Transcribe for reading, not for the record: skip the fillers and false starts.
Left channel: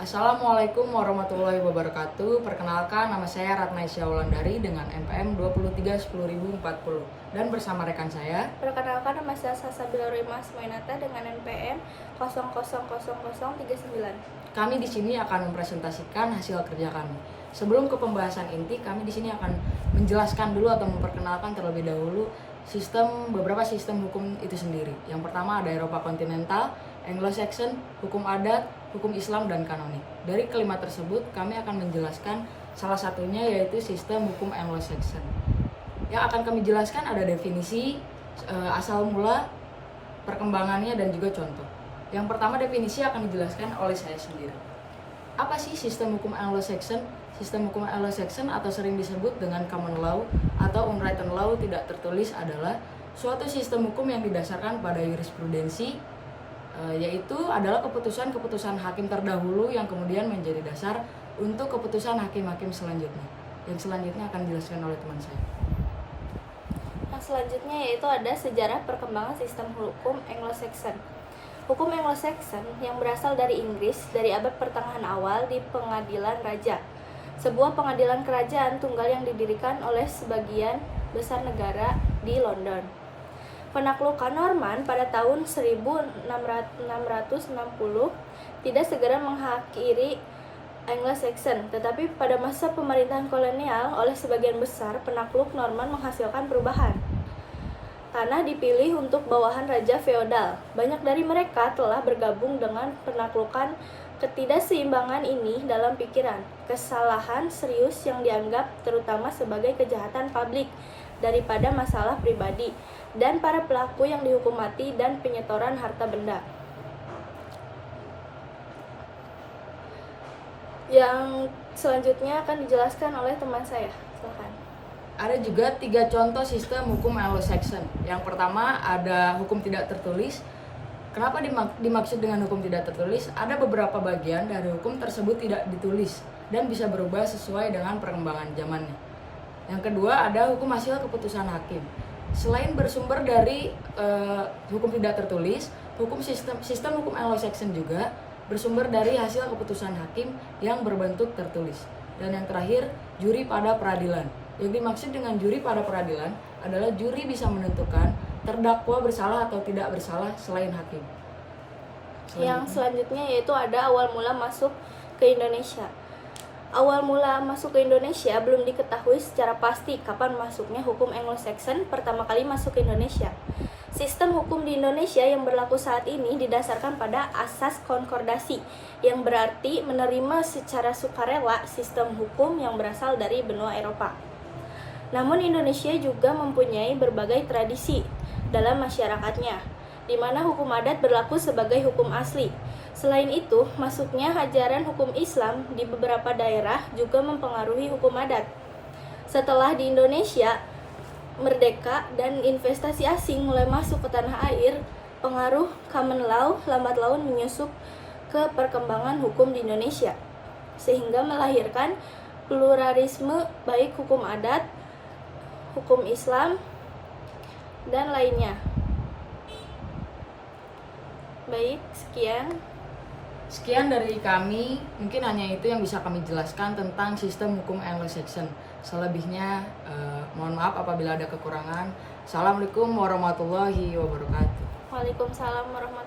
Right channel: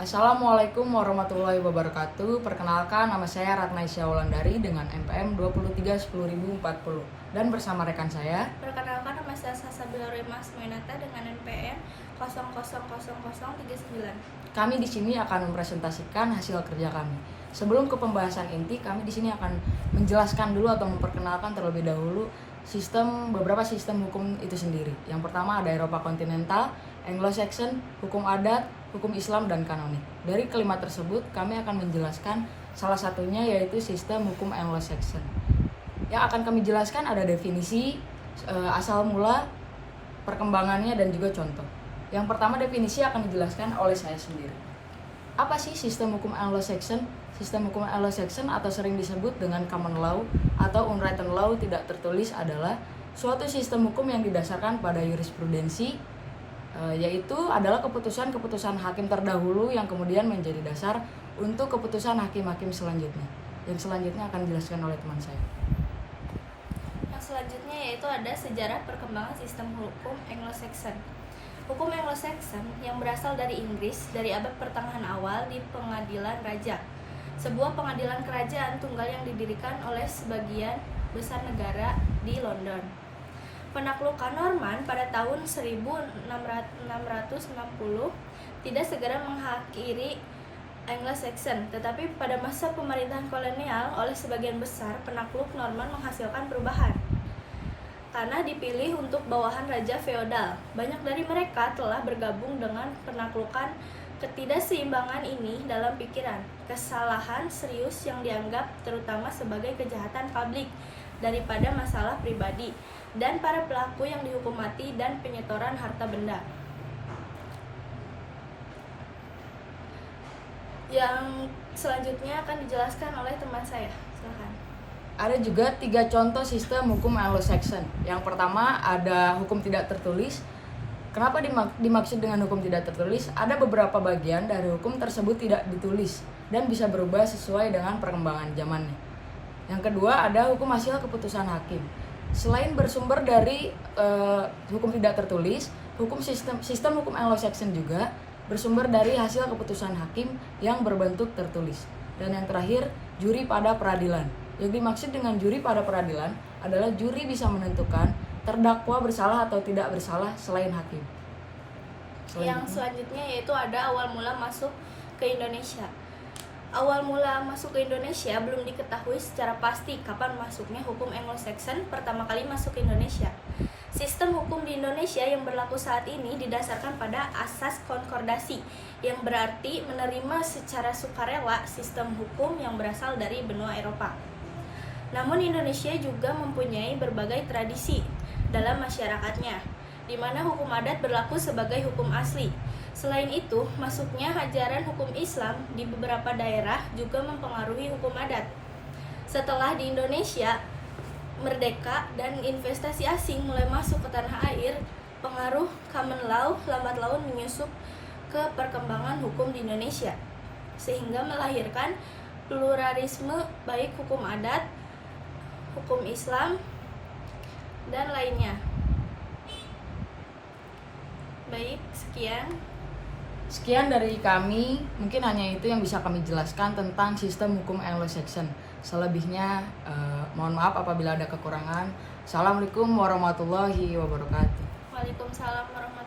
Assalamualaikum warahmatullahi wabarakatuh. Perkenalkan, nama saya Ratna Isya Wulandari dengan NPM 23 10040 dan bersama rekan saya. Perkenalkan, nama saya Salsabila Rimas Mainata dengan NPM 000039. Kami di sini akan mempresentasikan hasil kerja kami. Sebelum ke pembahasan inti, kami di sini akan menjelaskan dulu atau memperkenalkan terlebih dahulu beberapa sistem hukum itu sendiri. Yang pertama ada Eropa kontinental, Anglo-Saxon, hukum adat, hukum Islam, dan kanonik. Dari kelima tersebut, kami akan menjelaskan salah satunya yaitu sistem hukum Anglo-Saxon. Yang akan kami jelaskan ada definisi, asal mula, perkembangannya, dan juga contoh. Yang pertama definisi akan dijelaskan oleh saya sendiri. Apa sih sistem hukum Anglo-Saxon? Sistem hukum Anglo-Saxon atau sering disebut dengan common law atau unwritten law tidak tertulis adalah suatu sistem hukum yang didasarkan pada jurisprudensi, yaitu adalah keputusan-keputusan hakim terdahulu yang kemudian menjadi dasar untuk keputusan hakim-hakim selanjutnya. Yang selanjutnya akan dijelaskan oleh teman saya. Yang selanjutnya yaitu ada sejarah perkembangan sistem hukum Anglo-Saxon. Hukum Anglo-Saxon yang berasal dari Inggris dari abad pertengahan awal di pengadilan raja, sebuah pengadilan kerajaan tunggal yang didirikan oleh sebagian besar negara di London. Penaklukan Norman pada tahun 1660 tidak segera mengakhiri Anglo-Saxon, tetapi pada masa pemerintahan kolonial oleh sebagian besar penakluk Norman menghasilkan perubahan. Tanah dipilih untuk bawahan raja feodal. Banyak dari mereka telah bergabung dengan penaklukan. Ketidakseimbangan ini dalam pikiran, kesalahan serius yang dianggap terutama sebagai kejahatan publik daripada masalah pribadi, dan para pelaku yang dihukum mati dan penyetoran harta benda. Yang selanjutnya akan dijelaskan oleh teman saya. Silakan. Ada juga 3 contoh sistem hukum Anglo-Saxon. Yang pertama ada hukum tidak tertulis. Kenapa dimaksud dengan hukum tidak tertulis? Ada beberapa bagian dari hukum tersebut tidak ditulis dan bisa berubah sesuai dengan perkembangan zamannya. Yang kedua ada hukum hasil keputusan hakim. Selain bersumber dari hukum tidak tertulis, sistem hukum Anglo-Saxon juga bersumber dari hasil keputusan hakim yang berbentuk tertulis. Dan yang terakhir, juri pada peradilan. Yang dimaksud dengan juri pada peradilan adalah juri bisa menentukan terdakwa bersalah atau tidak bersalah selain hakim. Yang selanjutnya yaitu ada awal mula masuk ke Indonesia. Awal mula masuk ke Indonesia belum diketahui secara pasti kapan masuknya hukum Anglo-Saxon pertama kali masuk ke Indonesia. Sistem hukum di Indonesia yang berlaku saat ini didasarkan pada asas konkordasi, yang berarti menerima secara sukarela sistem hukum yang berasal dari benua Eropa. Namun Indonesia juga mempunyai berbagai tradisi dalam masyarakatnya, di mana hukum adat berlaku sebagai hukum asli. Selain itu, masuknya ajaran hukum Islam di beberapa daerah juga mempengaruhi hukum adat. Setelah di Indonesia merdeka dan investasi asing mulai masuk ke tanah air, pengaruh common law lambat laun menyusup ke perkembangan hukum di Indonesia, sehingga melahirkan pluralisme baik hukum adat, hukum Islam, dan lainnya. Baik, Sekian dari kami, mungkin hanya itu yang bisa kami jelaskan tentang sistem hukum Anglo-Saxon. Selebihnya, mohon maaf apabila ada kekurangan. Assalamualaikum warahmatullahi wabarakatuh. Waalaikumsalam warahmatullahi wabarakatuh.